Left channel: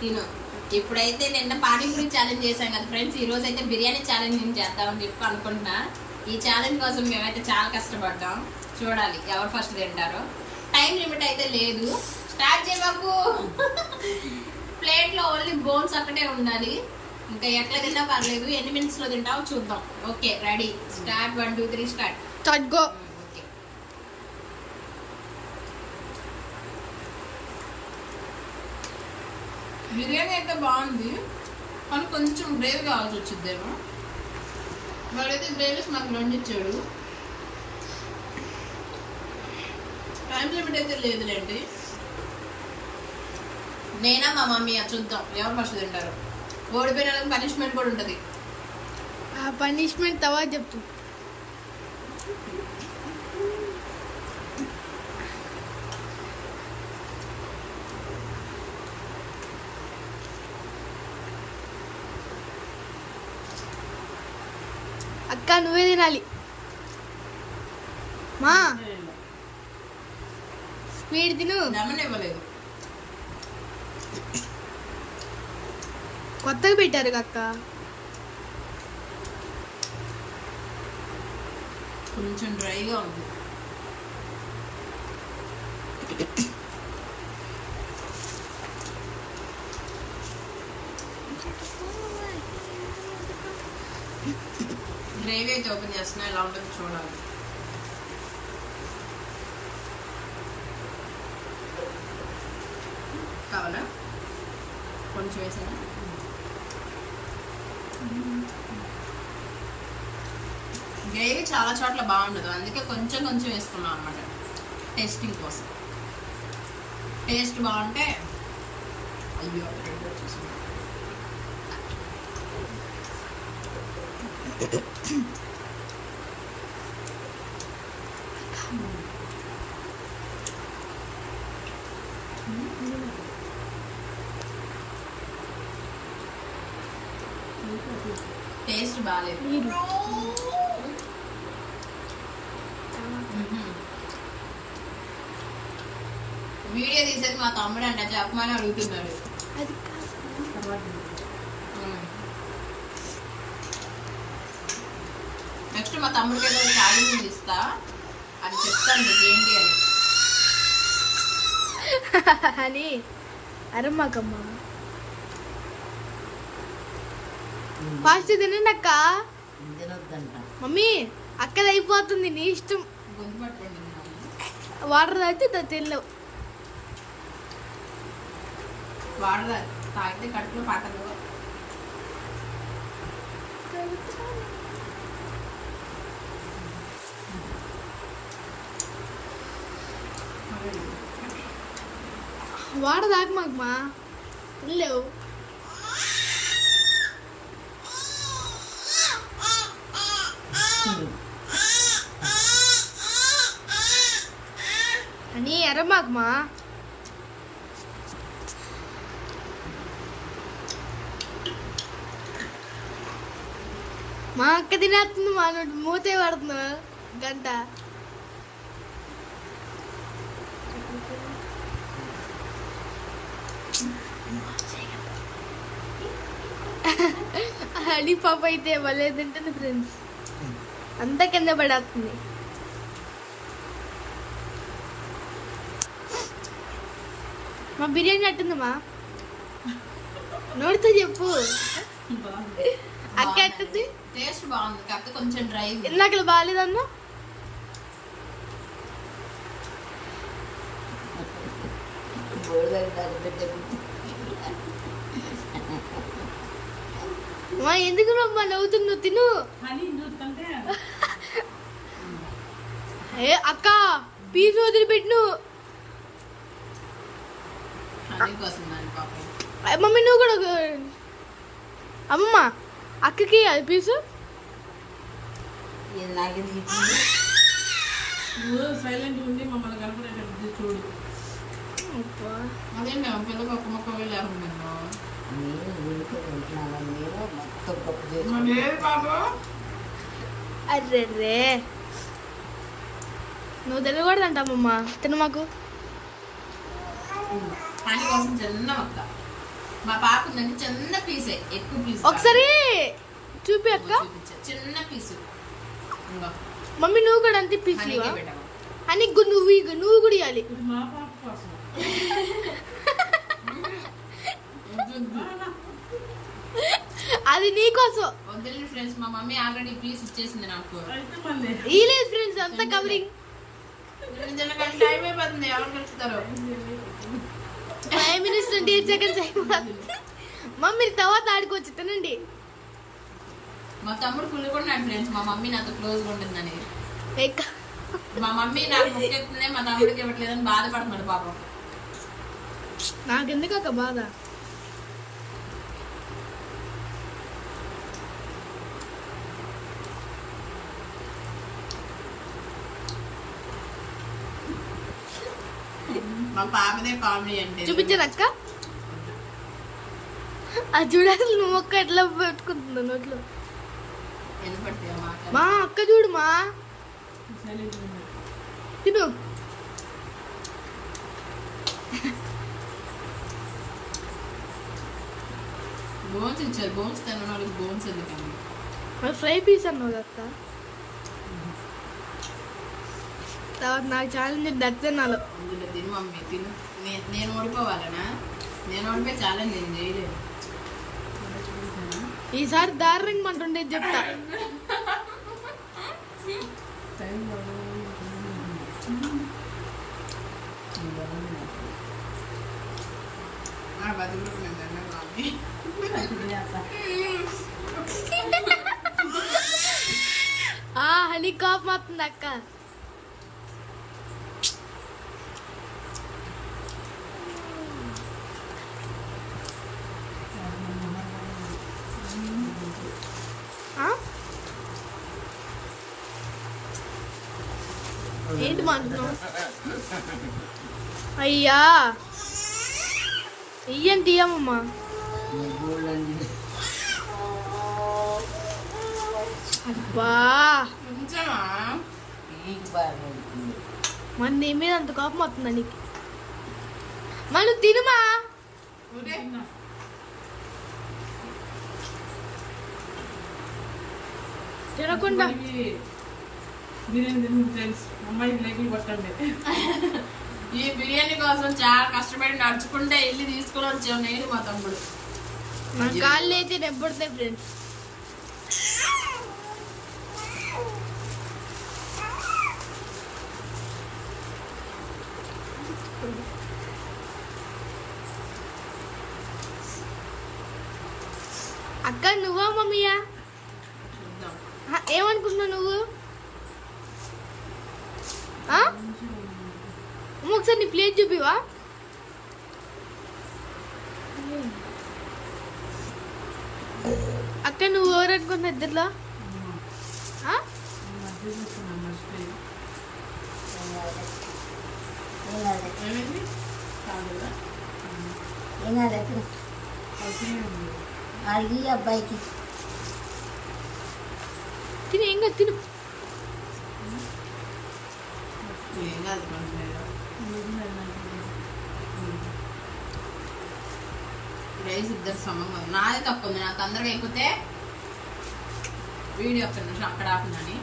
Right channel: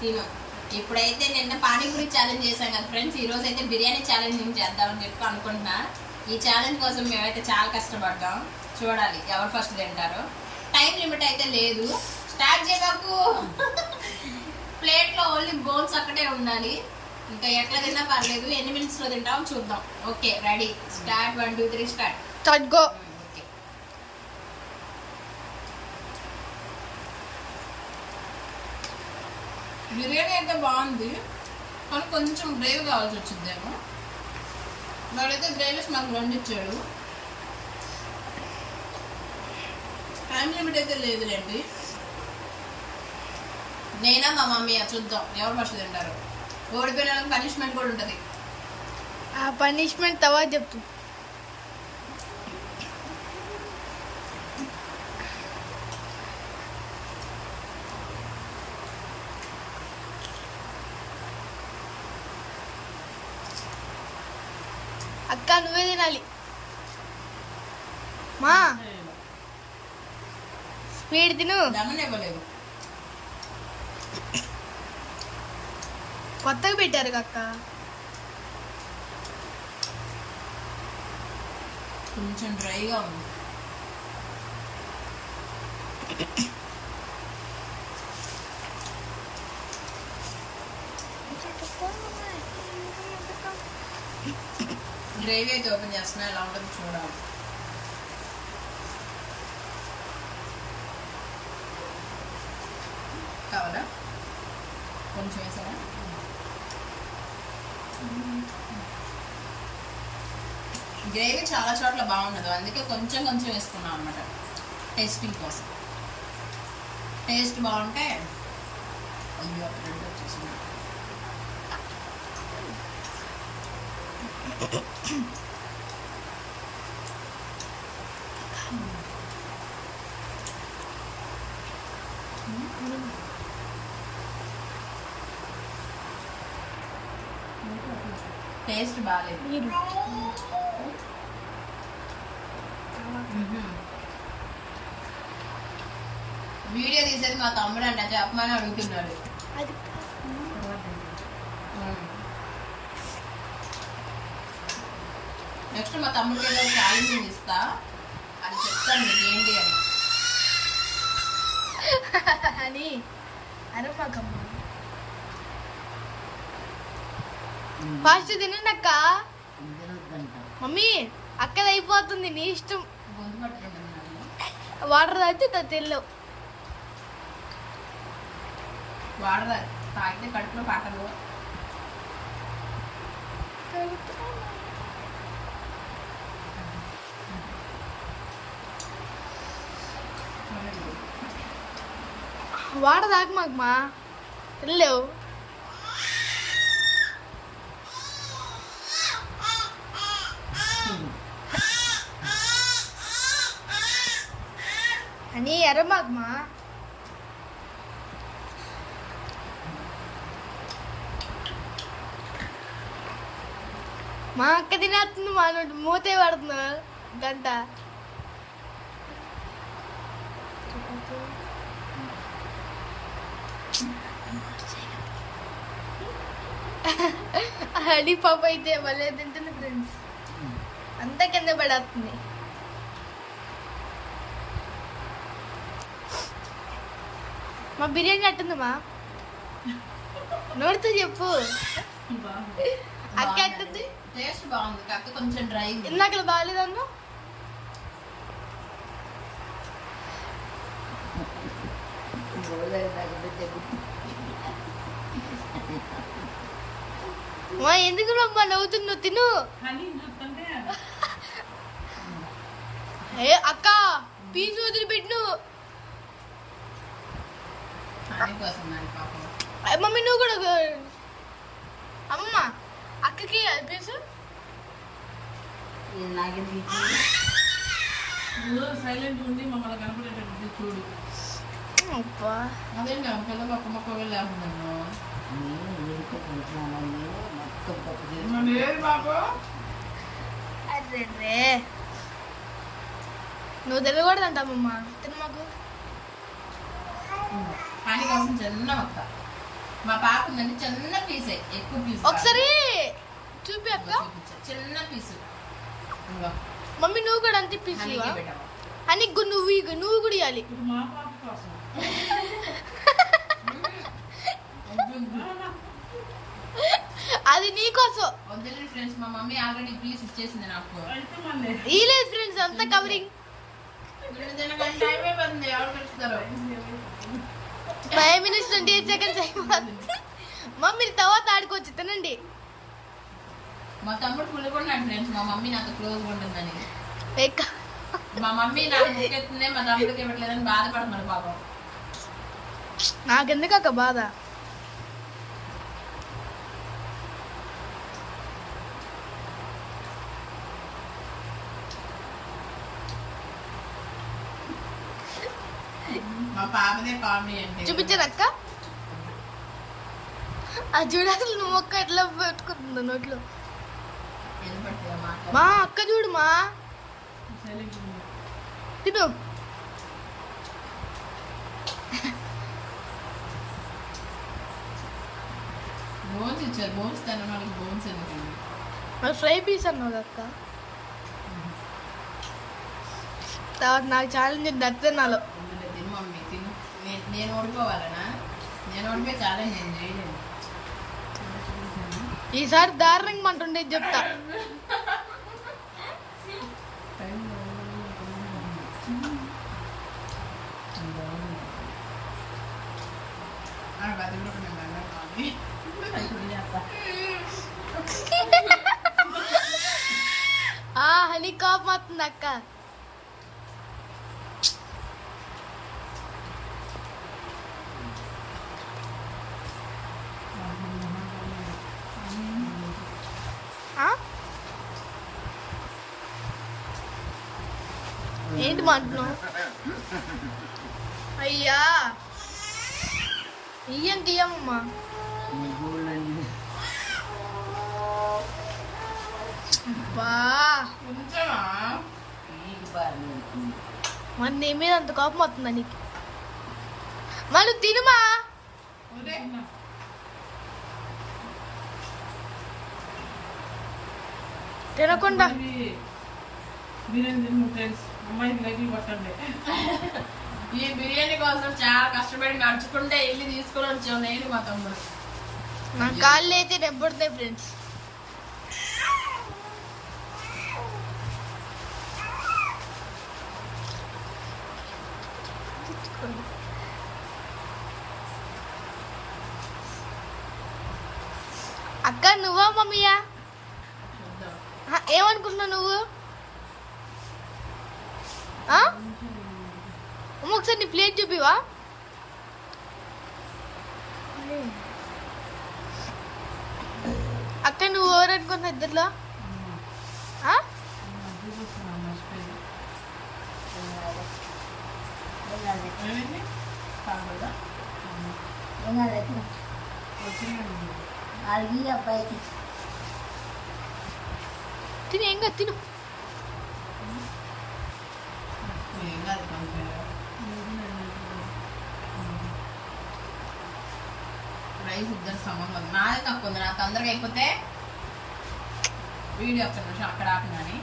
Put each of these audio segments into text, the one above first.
తిను. ఇప్పుడైతే నిన్న పానీపూరి ఛాలెంజ్ చేశాం కదా ఫ్రెండ్స్, ఈ రోజు అయితే బిర్యానీ ఛాలెంజ్ నేను చేద్దామని చెప్పి అనుకుంటున్నా. ఈ ఛాలెంజ్ కోసం మేమైతే చాలా కష్టపడ్డాం. చూడాలి ఎవరు ఫస్ట్ తింటారో. టైం లిమిట్ అయితే లేదు. స్టార్ట్ చేయకు. ప్లేట్ లో ఓన్లీ బోన్స్ ఒక్కటే ఉండాలి. ఇంకా ఎట్లా తిన్నా పర్లేదు. ఎన్ని మినిట్స్ లో తింటామో చూద్దాం. Okay ready, start. 1 2 3 start go. Biryani అయితే బాగుంది, కానీ కొంచెం గ్రేవీ కావాల్సి వచ్చిందేమో. వాడైతే గ్రేవీస్ మాకు వండిచ్చాడు. టైం లిమిట్ అయితే లేదులేండి. నేనా మా మమ్మీ చూద్దాం ఎవరు ఫస్ట్ తింటారు. ఓడిపోయిన వాళ్ళకి పనిష్మెంట్ కూడా ఉంటుంది. ఆ పనిష్మెంట్ తవా చెప్తూ. అక్క నువ్వే తినాలి మా. స్పీడ్ తిను. ఇవ్వలేదు. కొత్తగా పెట్టారు అక్క. కొంచెం డ్రైగా ఉంది. గ్రేవీ అయితే ఓపెన్ చేస్తున్నా, ఎలా ఉంటుందో చూడాలి. కావాలా కొంచెం వేసాను. గ్రేవీ చాలా చోట్ల బాగుండదు, అందుకే కొంచెం కొంచెం వేసుకున్నాం అనమాట టేస్టింగ్ కోసం. టేస్ట్ బాగుంటే అయ్యో చూసుకున్నాం. టేస్ట్ బాగాలేదు. వీడియో తీసేది మా తమ్ముడు అంట, చెప్పమని అడుగుతున్నాడు. నెక్స్ట్ మా తమ్ముడికి ఏదో ఛాలెంజ్ ఇస్తా, అది చెప్తాను మీకు ఏంటి అని. అని అరమ్మకమ్మ ఫాస్ట్ తినండి అక్క. మమ్మీ అక్కది అయిపోతుంది, నీ ఇష్టం. వాటర్ తాగితే తెల్లవు. వాటర్ తాగితే కడుపులో పాటలు. వాటర్ తాగు మాకు తెల్లవు. అని ఎర్రమాకు మా అక్క తినేస్తుంది. మా నోటి మూతే పడుతున్నా గంట. అడి పాప అయితే భలే తింటుంది ఫ్రెండ్స్, అంతా కింద పడేస్తుంది. మా బిర్యానీ అట్టుందమ్మా, నోడితో చెప్పు. అక్క అట్టుంది. టేస్ట్ బాగుంది, కాకపోతే కొంచెం డ్రై. ఇందాక బాగాలేదన్నా. మా ఎందుకు అమ్మా నవ్వుతున్నావు? తిను. ఏ అక్క పీసు వదిలిపెట్టు. మమ్మీ నువ్వు కూడా అమ్మ అక్కకి అది పీసు. సైలెంట్ ఉండి మమ్మల్ని కనపడేటట్టు చూడు. అదే పిల్లలు ఒక మొక్క లేకుండా అరే రే నువ్వు తెలియకూడదంటామమ్మా. తిన మాకు చిన్న మొక్క మా పాప ఉందంటే చిన్న పీసే, ఎక్కువ పీస్ ఒకసారి చూపి అక్క. చిన్న పీసు. మమ్మీ నువ్వు కూడా అంతే పీసువా అని నువ్వు కూడా ఇవ్వాలి. మా పాప కోసం అది నీకోసం. వద్దులేదు ఫ్రెండ్స్, మా మమ్మీ ఆల్రెడీ పీస్ ఇచ్చేసింది నాకు. ఇలేదు ఫ్రెండ్స్, అంతా కవరింగ్. టైం అయిపోతుంది, ఎవరు పెంచుతారు? 5 minutes 28 seconds అయిపోతుంది. మమ్మీ తర్వాత ఆడుకోవచ్చు, తినండి. మా తమ్ముడు కుళ్ళుకున్నాడు ఫ్రెండ్స్, మా మమ్మీ నాతో క్లోజ్గా ఉంటుందని. ఎక్క మా మమ్మీ నాకు ముక్కెత్తుంది, మా తమ్ముడికి ఇవ్వట్లేదని బాధపడుతున్నాడు పాపం. నాకెందుకు అక్క బాధ? మా పాపదే కామెడీ అంటే. చూపించాను అక్క, అది చూడు అసలు నువ్వు ఒక్క ఎట్లా పెట్టుకుంటుందో నోట్లో. మా అక్క చూడు మా తిను. బోన్స్ ఇచ్చారు, బోన్స్ తినడానికి బోన్స్ ఎందుకండి? మరి ఫ్రై పీస్ అన్నావు అక్క. తర్వాత నాకు ఛాలెంజ్ దత్తనాలో తిను మమ్మీ తిను. నేను ఓడిపోవాలనా? నేను ఓడిపోయి ఛాలెంజ్ నేను చేయలేను. ఈసారి దారుణంగా అంటుండే చెప్తా. హనీ కాప్ అవుతుంది అక్క. ఏంటి మాట్లాడుతున్నావు? అయ్యా ఇయ్యండి ఇయ్యమ్మా. అబ్బా మరి నీ మీద అంత కోపం వస్తుందా నీకు? మనం తినుమా. తినకుండా అమ్మాయికి లైట్లు పట్టండి. ఈ బిర్యానీ కోసం చాలా కష్టపడి నడుచుకుంటే వెళ్ళి తీసుకుని వచ్చాం నేను మా తమ్ముడు. నా కాళ్ళు అయితే నెబ్బడతాయి ఫ్రెండ్స్. అక్క నువ్వా మమ్మీయా? ఏమనుకుంటున్నావు నువ్వు? ఒకసారి నీ ప్లేట్ చూపివా? అక్క నువ్వు ఎవరు అనుకుంటున్నా ఇద్దరులో? తిని ఏం కాదు తిను. రైస్ ఇద్దరు సమంగా నాదే తప్పు ఉంది. నాకు తొందరగా అయిపోతే వీడియో ఒక్క నిమిషం అక్కడ ఆపినని.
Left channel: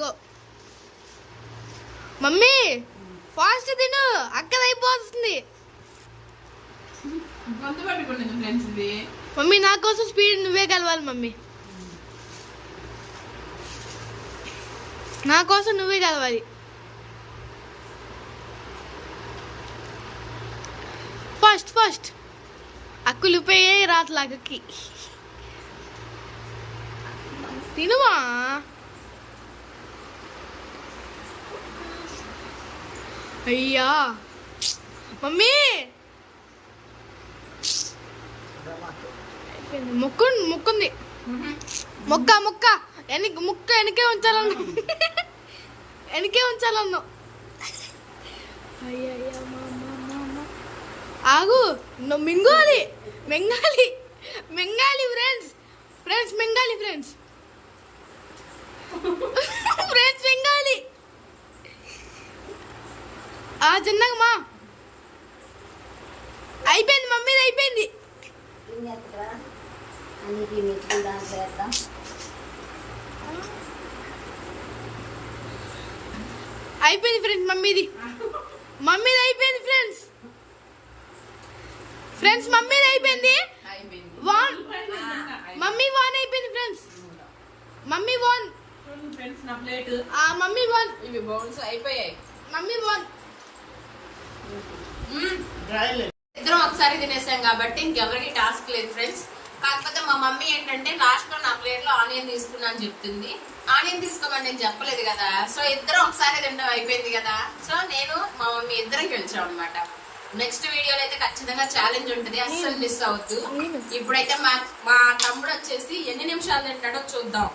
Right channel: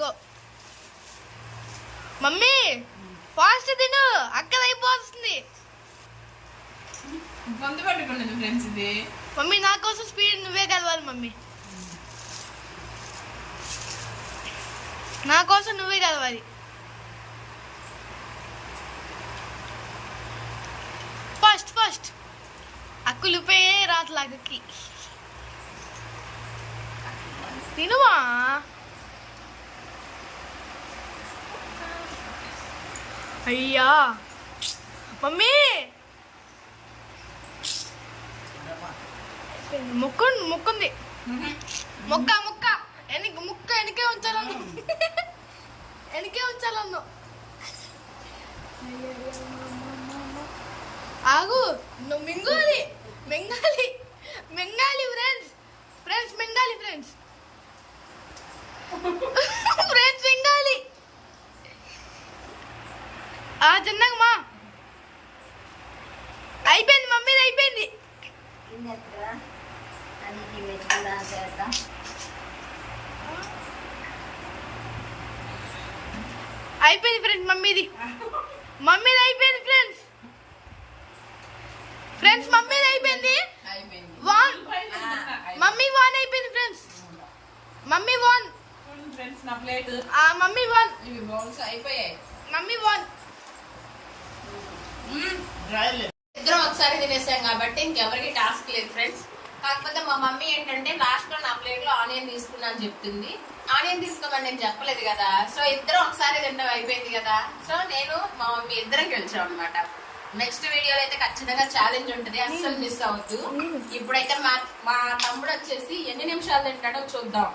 గో మమ్మీ ఫాస్ట్ తిను, అక్కడ అయిపోతుంది. గొంతు పట్టుకున్నది ఫ్రెండ్స్ ఇది. మమ్మీ నా కోసం స్పీడ్ నువ్వే కలవాలి మమ్మీ, నా కోసం నువ్వే కలవాలి. ఫస్ట్ ఫస్ట్ అక్కులిపోయే రాట్లాగకి తినువా. అయ్యా మమ్మీ మొక్కుంది మొక్క మొక్క ముక్క వెనకే ఉంచాలన్నా, వెనకే ఉంచాలన్నా. ఆగు నువ్వు మింగాలి మింగాలి మింగాలి ఫ్రెండ్స్, ఫ్రెండ్స్ మింగాలి ఫ్రెండ్స్, ఫ్రెండ్స్ మింగాలి. చిన్నగా మా అయిపోయింది మమ్మీ. అయిపోయింది అయిపోయింది ఫ్రెండ్స్ మమ్మీది అయిపోయింది ఫ్రెండ్స్ మమ్మీది అయిపోయింది అయిపోయింది వాన్ మమ్మీ వాన్ అయిపోయింది ఫ్రెండ్స్ మమ్మీ వాన్ ఫ్రెండ్స్ నా ప్లేట్ మమ్మీ వాన్ ఇవి బౌల్స్ అయిపోయాయి. మమ్మీ వాన్ ఇద్దరం ఒకసారి తినేసాం కాబట్టి ఇంకెవరికి టాస్క్ లేదు ఫ్రెండ్స్. కాకపోతే మా మమ్మీ ఏంటంటే లాస్ట్ లో నా ప్లేట్ లో ఆనియన్ తీసుకున్నా అని చెప్తుంది. ఆనియన్ తీసుకోమని నేను చెప్పలేదు కదా. సో ఇద్దరం ఒకసారి తింటాం అయిపోయింది కదా. సో నేను మా మమ్మీ ఇద్దరం గెలిచాం అనమాట. నెక్స్ట్ వీడియోలో అయితే ఖచ్చితంగా ఛాలెంజ్ ఉంటుంది, అస్సలు మిస్ అవద్దు. ఇప్పుడైతే మా తమ్ముడు వచ్చేసి ఎన్ని నిమిషాలు తింటాడో చూద్దాం.